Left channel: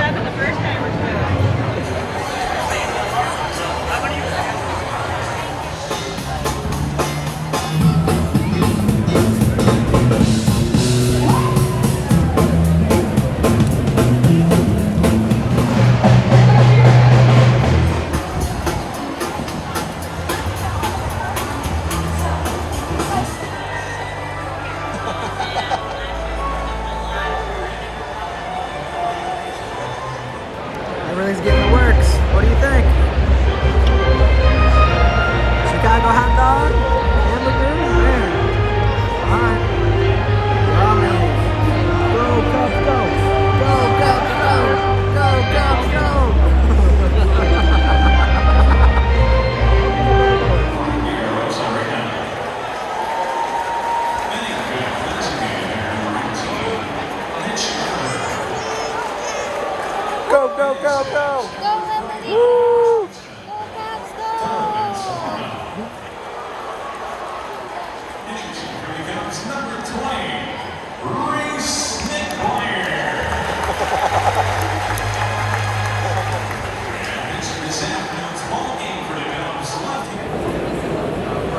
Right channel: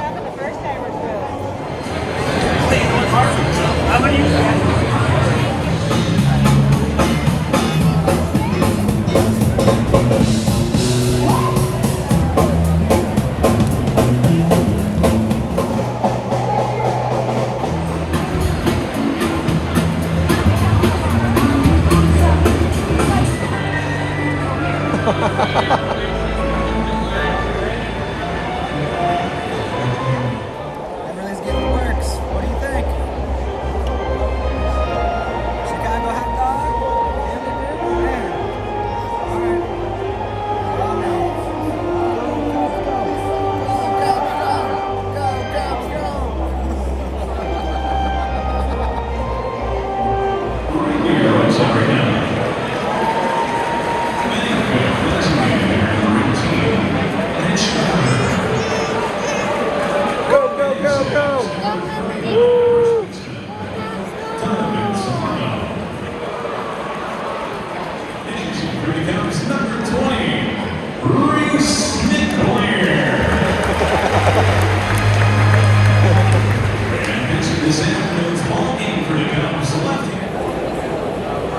7 the first time. How about you? Everything's getting the works. What do you think? Chicago hot dog? Hamburger? There. Alright. Go, Cubs, go. Go, Cubs, go. Go, Cubs, go. Go, go, go, go. Woo. Here he comes, number 20, Reese McClair. And pitching this afternoon's ball game for the Cubs, left-handed.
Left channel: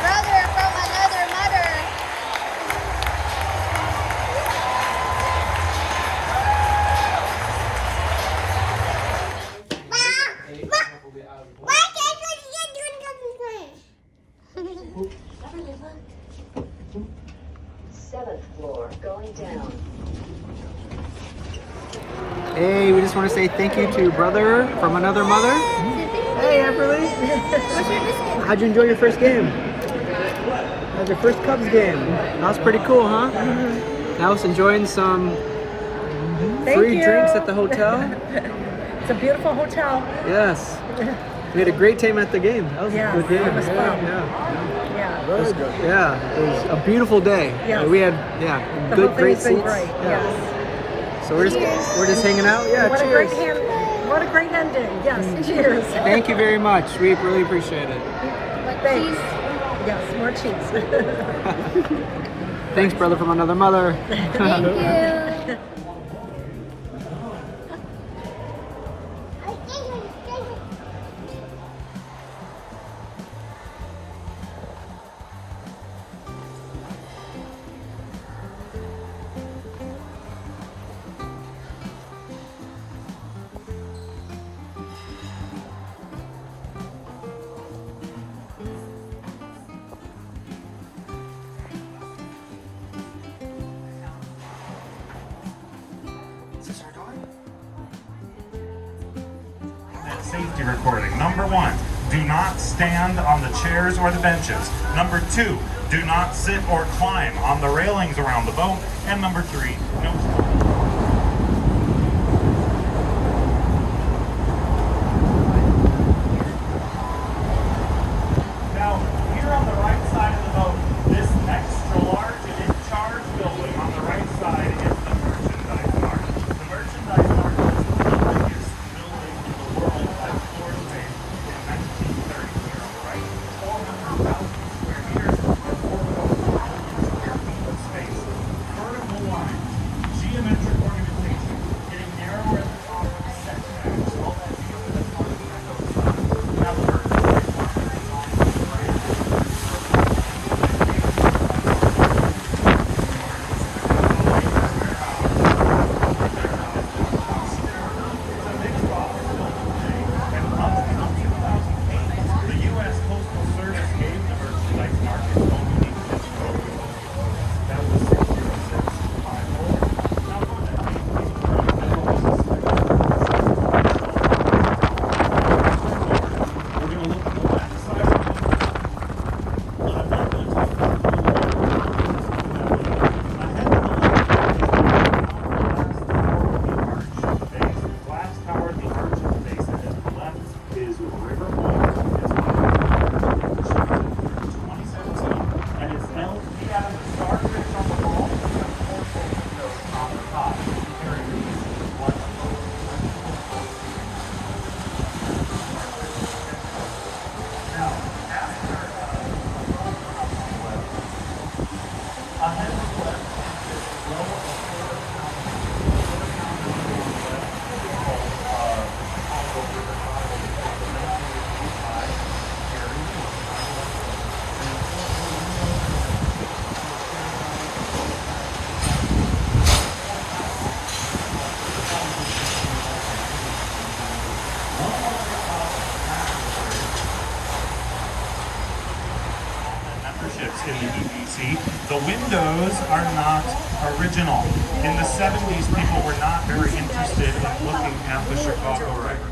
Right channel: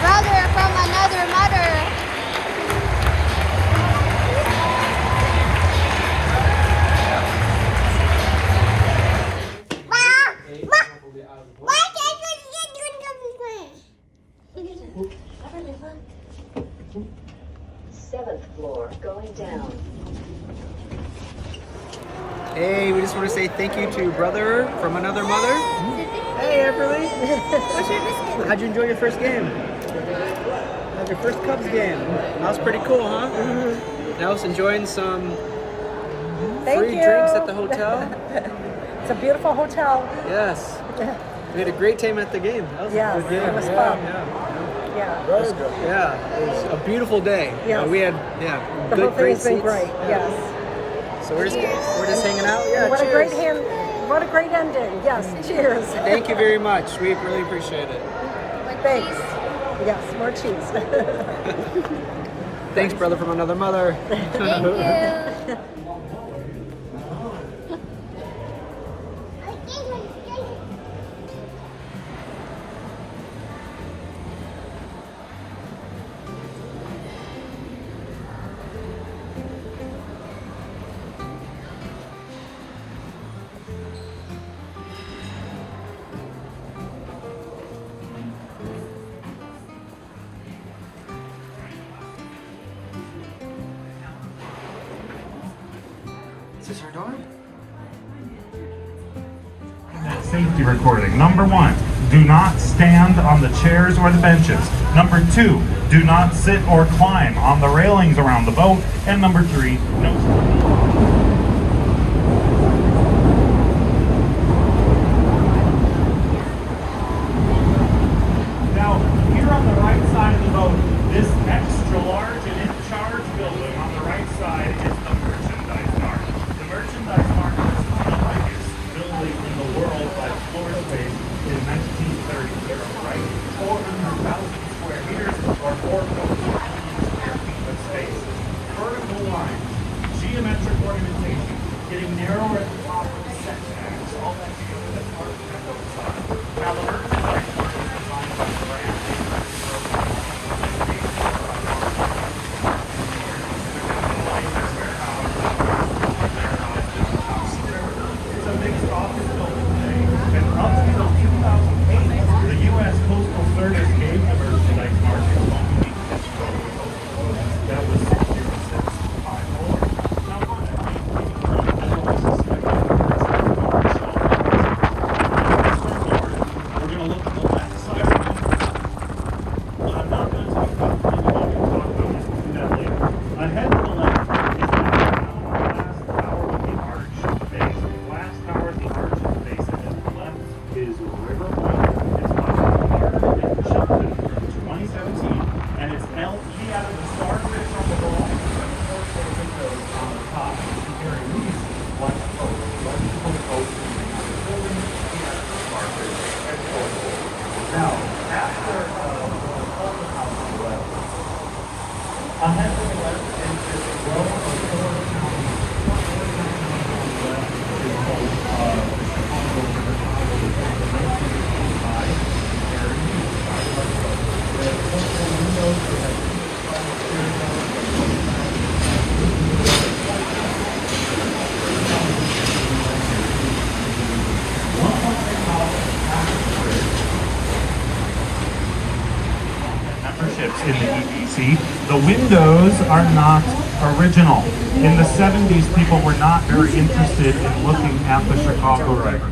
Brother from another mother. Why can't you Seventh floor, going down. Hey, we just want to say thank you to brother from another mother. Hey, Everly. What's your biscuit? How'd you enjoy your first game? How's your first Cubs game? That was pretty cool, huh? Now I was enjoying some free drinks at the hotel. It's a beautiful hotel. Yes. We had a great time at the game. That was Yes, a good game. it was Yeah, fun. yeah. Yeah. Very good. Yeah, it was a beautiful day. Yes. We had The good, whole great thing's been seats. great. Yeah. Yes. So we're just hanging out. Yeah, What a cheers. great what a great ending. Yes. Cheers. Thank you very much. We really appreciate it. Thanks. Yes, more cheese. Thanks, brother from another mother. Thank you. Is this our door? That safety recording. Number 1, do not stand on the chairs or the benches. Number 2, do not sit or climb on the railings around the boat. And number 3, no. Now, here on the right side of the boat, this extra large and in charge building on the right side is the merchandise mart. The merchandise mart is the biggest building in the world by floor space in 1930. Here on the right, 400,000 square meters or 4.4 million square feet of space. Vertical lines, The windows are not original. In the 70s, people were not very interested in looking at the Chicago River.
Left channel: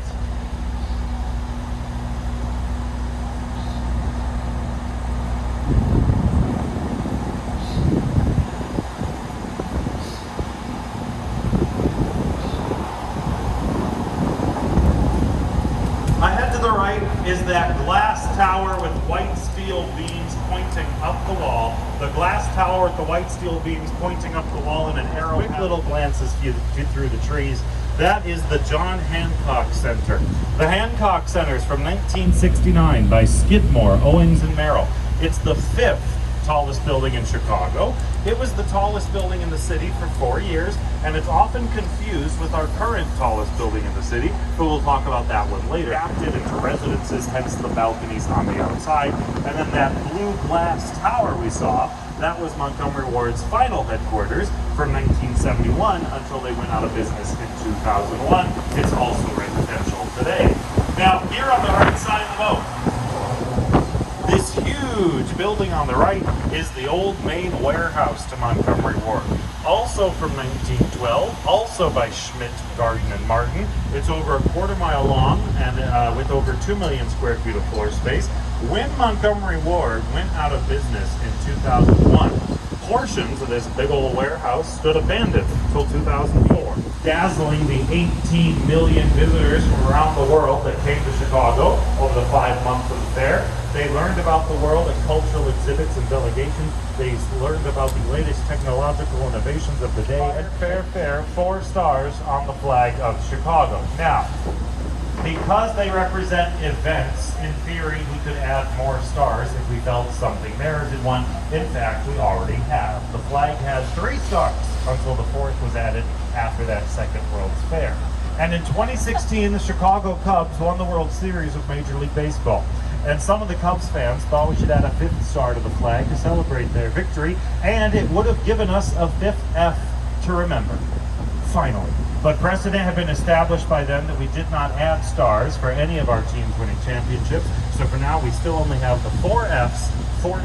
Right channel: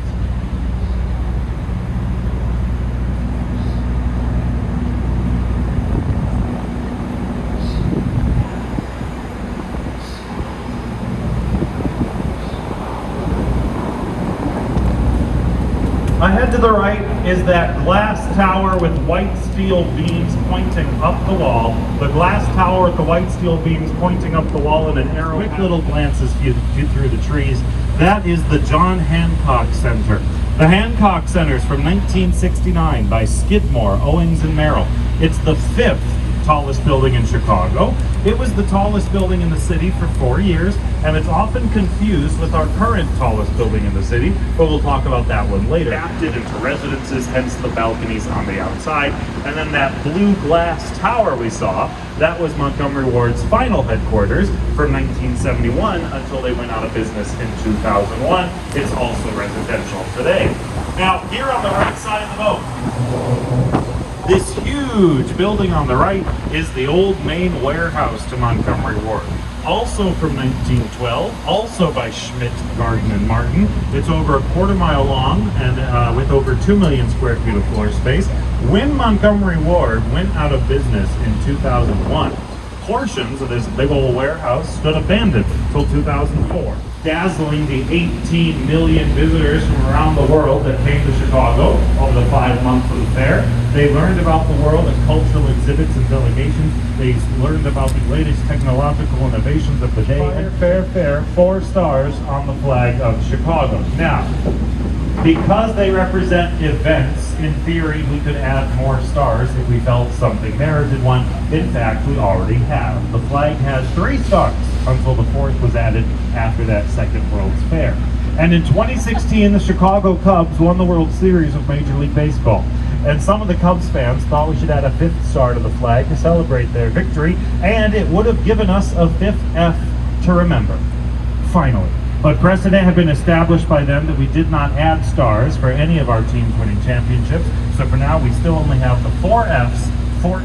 Ahead to the right is that glass tower with white steel beams pointing up the wall. The glass tower with the white steel beams pointing up the wall and an arrow. Quick little glances through the trees. That is the John Hancock Center. The Hancock Center is from 1969 by Skidmore, Owings and Merrill. It's the 5th tallest building in Chicago. It was the tallest building in the city for 4 years, and it's often confused with our current tallest building in the city, but we'll talk about that one later. Adapted into residences, hence the balconies on the outside. And then that blue glass tower we saw, that was Montgomery Ward's final headquarters from 1971 until they went out of business in 2001. It's also residential today. Now, here on the right side of the boat, this huge building on the right is the old main warehouse to Montgomery Ward. Also from 1912, also by Schmidt, Garden, and Martin. It's over a quarter-mile long and with over 2 million square feet of floor space. When Montgomery Ward went out of business in 2001, portions of this big old warehouse stood abandoned until 2004. Dazzling the 18 million visitors from around the world that came to Chicago over the 5-month food fair. They learned about the world at cultural exhibits and delegations. They learned about the latest technological innovations of the day. Fair, 4 stars on the flag of Chicago. Now, because they represent events, in theory, we could add more stars if we felt something merited one. In fact, we already have. The flag has 3 stars until the 4th was added after that second World's Fair. And in 2016, the Chicago Cubs won the World Series of Major League Baseball. And some of the Cubs fans thought we should add a 5th star to the flag to celebrate their victory, and it would have given us a 5th F to remember. Finally. But precedent had been established by them that we did not add stars for any of our teams winning championships. So for now, we still only have the 4 Fs, 4.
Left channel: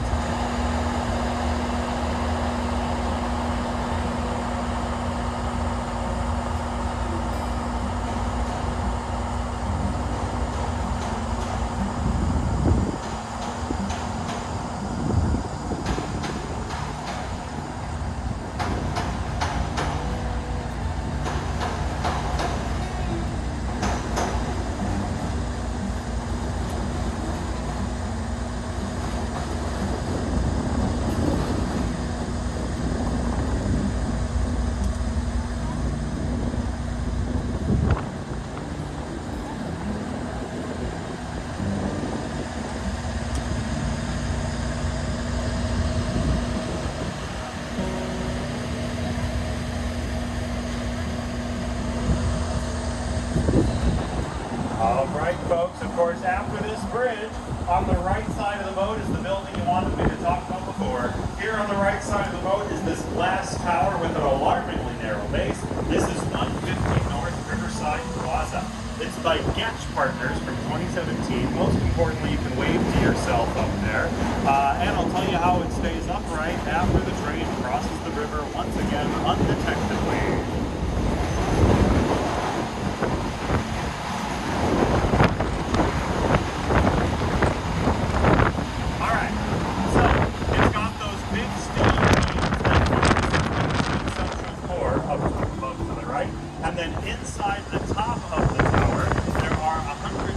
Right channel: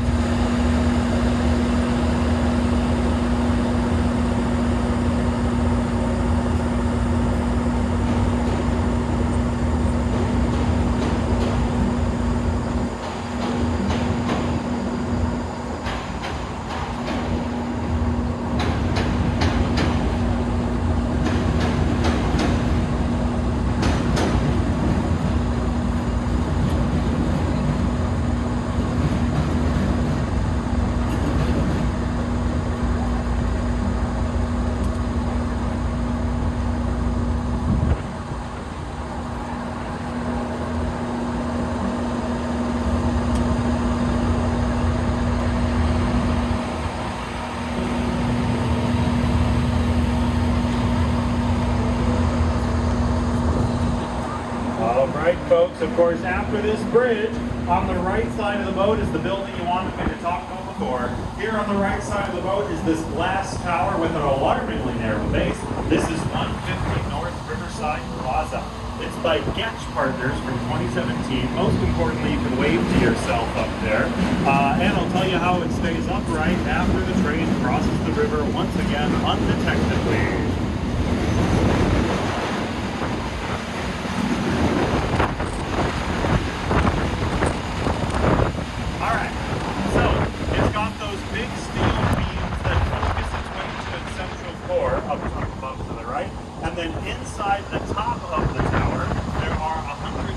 Folks, of course, after this bridge, on the right side of the boat is the building you wanted me to talk about before. Here on the right side of the boat is this glass tower with an alarmingly narrow base. This is 150 North Riverside Plaza. It's by Getch Partners from 2017. Most importantly, you can wave to yourself up there. And I'll tell you how it stays upright after the train crosses the river once again undetectedly. Then inside the top of the tower, there are 150,000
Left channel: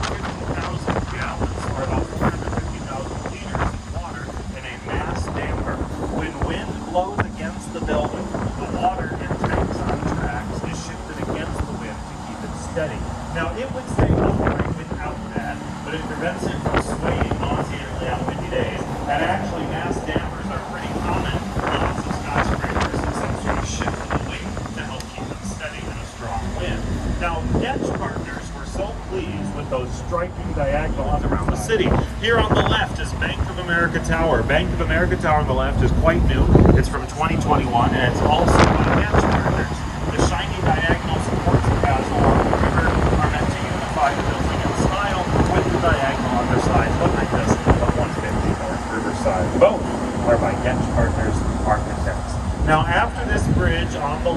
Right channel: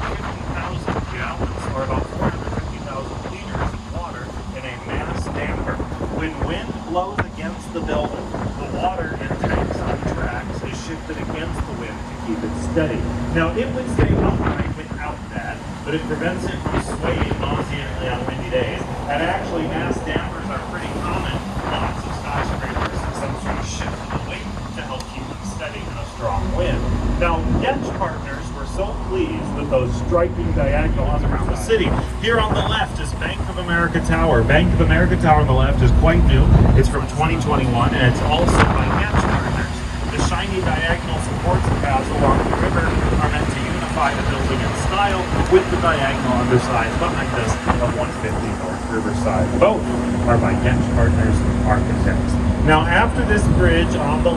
gallons, or about 450,000 liters of water in a mass damper. When wind blows against the building, the water in tanks on tracks is shifted against the wind to keep it steady. Now, it would stay upright without that, but it prevents it from swaying nauseatingly on windy days. And actually, mass dampers are pretty common on lots of skyscrapers and some sort of shift in the wing to help keep it steady in a strong wind. Now, Getch Partners were so pleased with those striking diagonals around the city. Here on the left is Bank of America Tower. Bank of America Tower on the left is quite new. It's from 2021, and it's also by Getch Partners. The shiny diagonal supports it has along the river are meant to unify the building in style with the diagonal underside behind us of 150 North Riverside. Both are by Getch Partners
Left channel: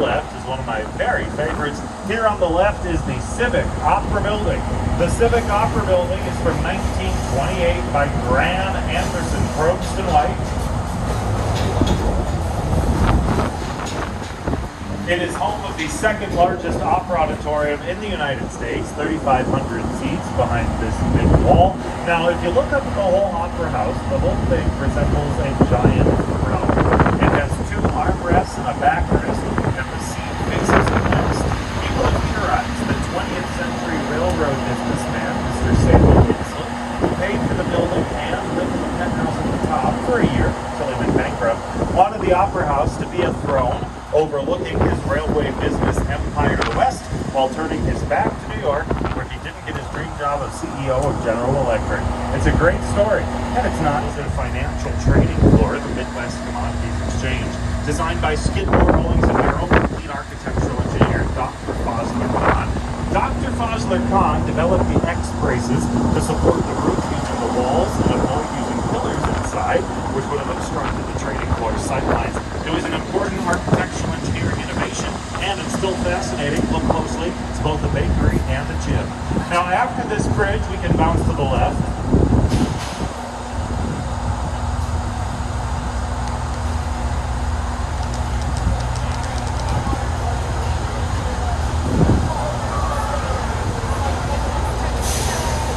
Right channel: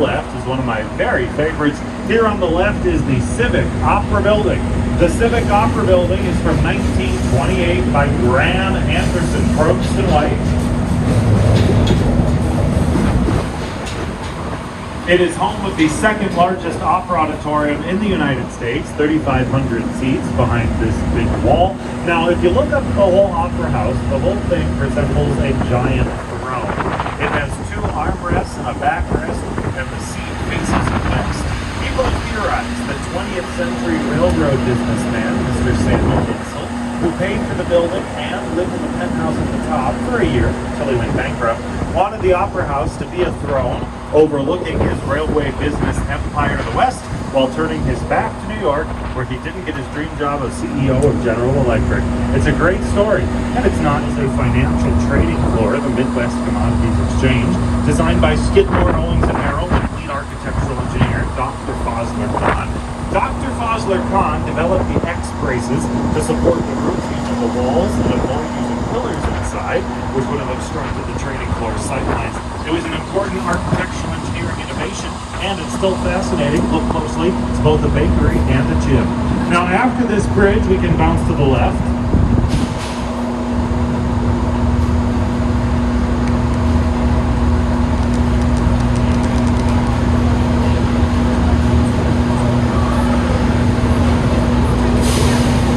left is one of my very favorites. Here on the left is the Civic Opera Building. The Civic Opera Building is from 1928 by Graham Anderson, Probst and White. It is home of the second largest opera auditorium in the United States, 3,500 seats behind this big wall. Now, if you look up the whole opera house, the whole thing resembles a giant throne. It has two armrests and a backrest, and the seat faces cliffs. People theorize that 20th century railroad businessman, Mr. Samuel Insull, who paid for the building and lived in the penthouse at the top for a year until he went bankrupt, wanted the opera house to be a throne overlooking his railway business empire to the west, while turning his back to New York, where he didn't get his dream job as CEO of General Electric. It's a great story, and it's not the financial trading floor of the Midwest Commodities Exchange, designed by Skidmore, Owings & Merrill, and lead architectural engineer Dr. Fosler Kahn. Dr. Fosler Kahn developed the X braces to support the roof using the walls and the building using pillars inside, which would have obstructed the trading floor sightlines. It was an important architectural engineering innovation, and it's still fascinating. Look closely. It's both a bakery and a gym. Now, after this bridge, we can bounce to the left.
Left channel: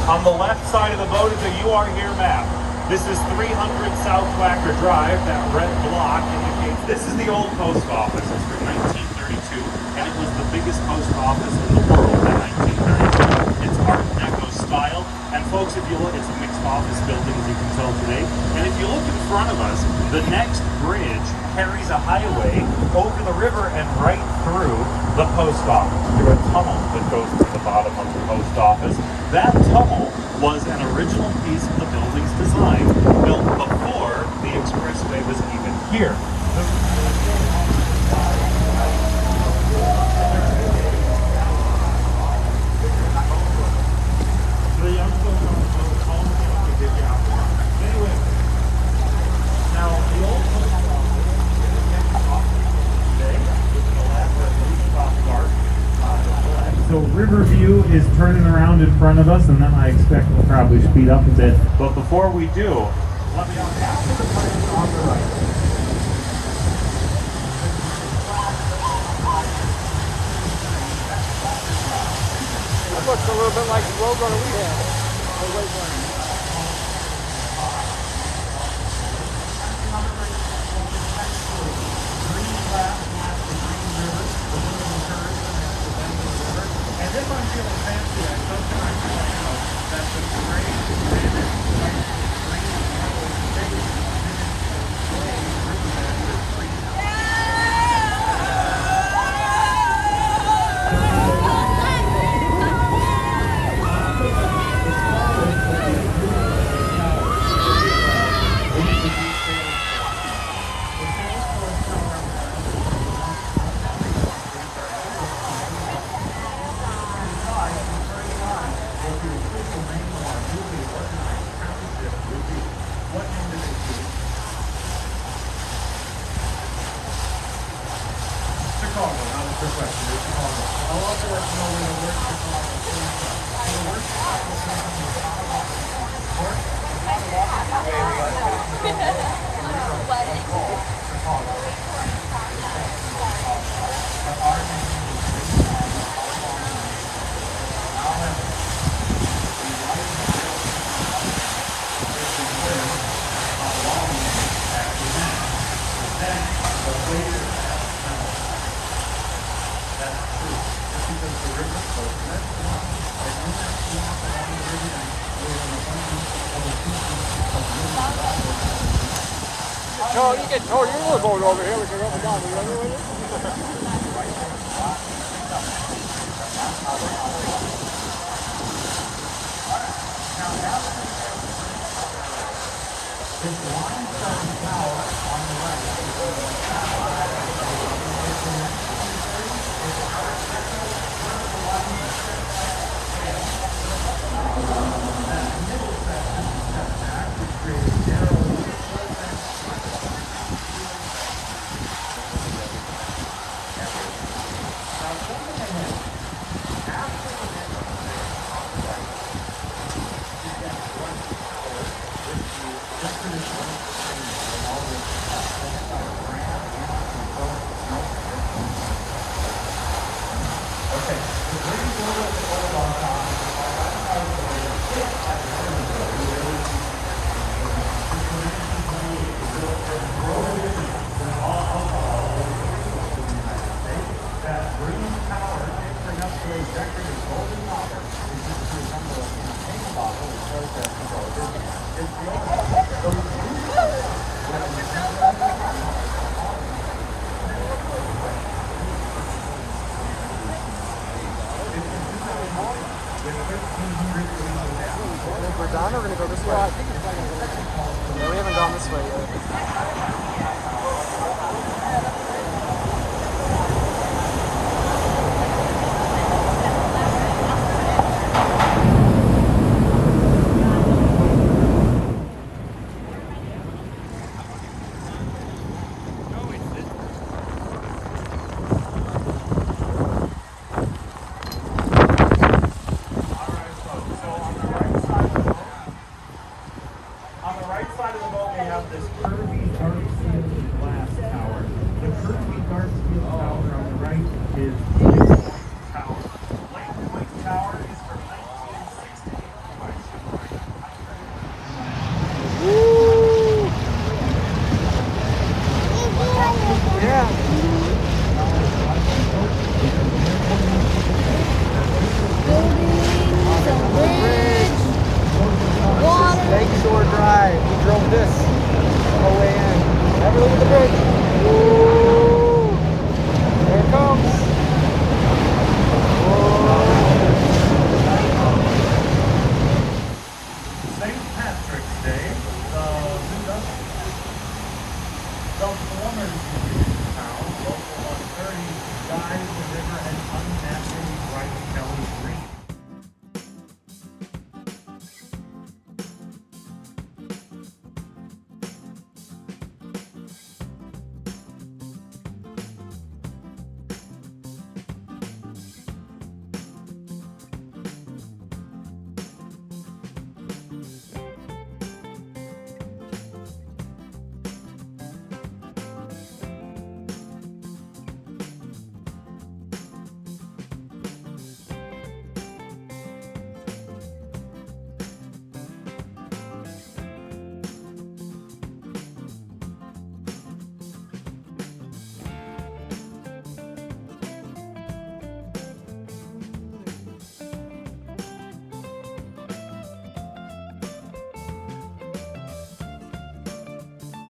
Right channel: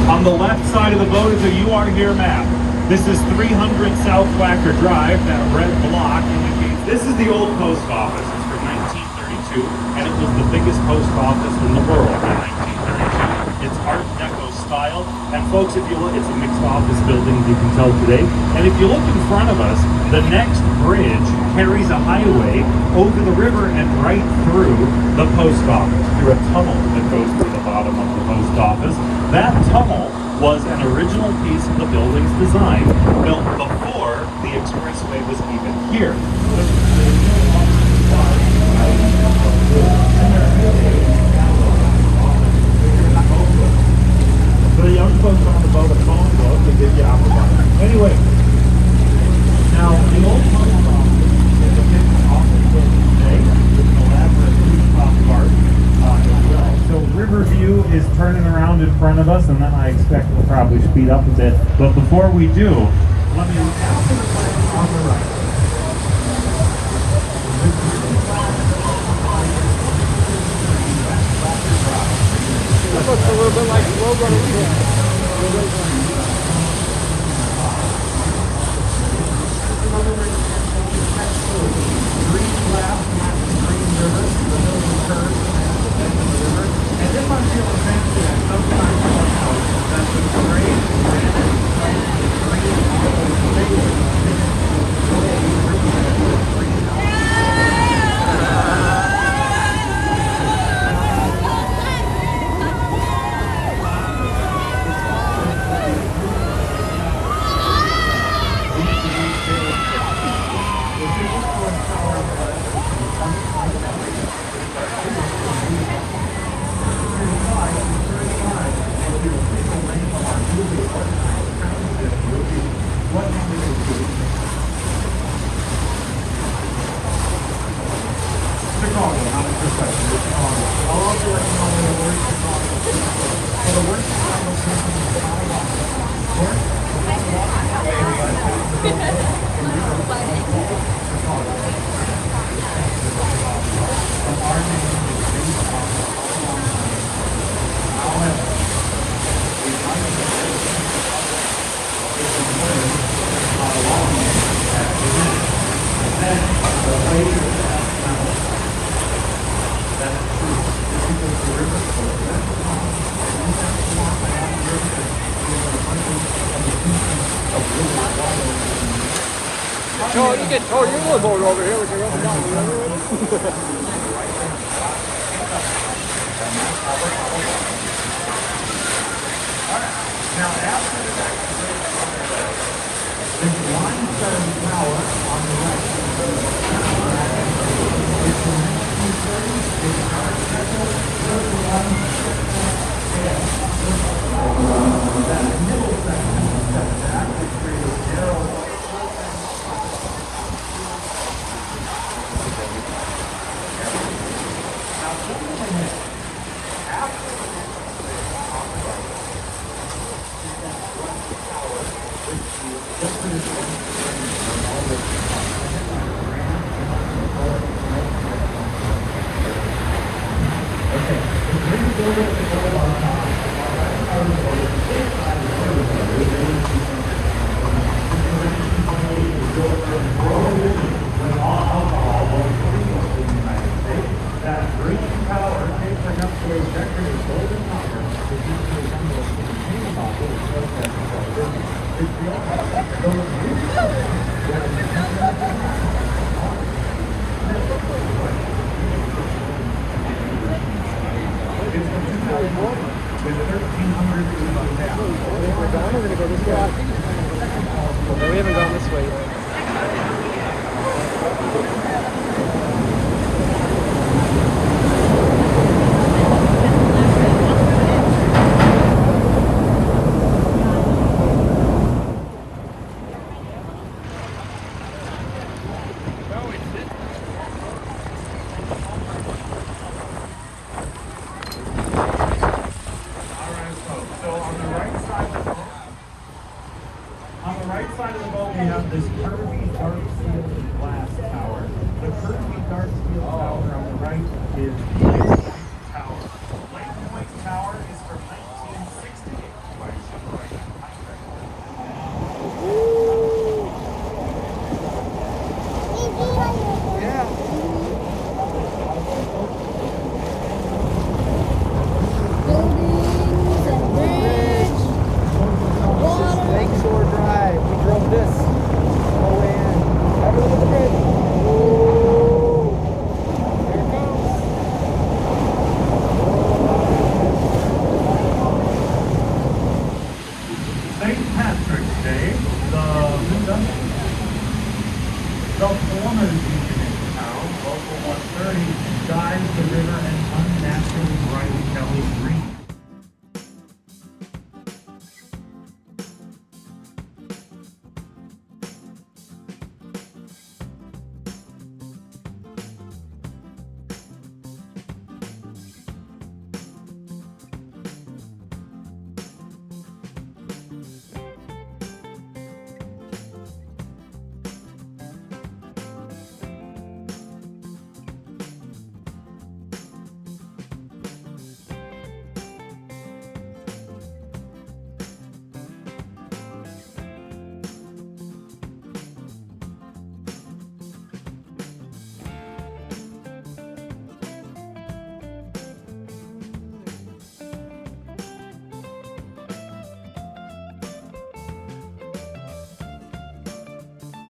On the left side of the boat is a "You Are Here" map. This is 300 South Wacker Drive, that red block indicates this is the old post office. It's from 1932, and it was the biggest post office in the world in 1932. It's Art Deco style, and folks, if you look, it's a mixed office building, as you can tell today. And if you look in front of us, the next bridge carries a highway over the river and right through the post office, through a tunnel that goes to the bottom of the post office. That tunnel was an original piece of the building's design, built before the expressway was even here. The young folks on the boat, a phone book to get you out of the Anyway, now the old post office is a big office building today with an elaborate rooftop park. So Riverview is turning around in front of us, and then I expect we'll probably speed up a bit. But before we do, let me look out for the place on the right. Oh, you can tow your little boat over here. We can run down the other way. Now, after the is limestone tower on the right. It's in 1930s. It's got a schedule, 31. That middle section is set back, which creates zero. That green power tapering up to a decorative golden knocker is used to assemble a container model of the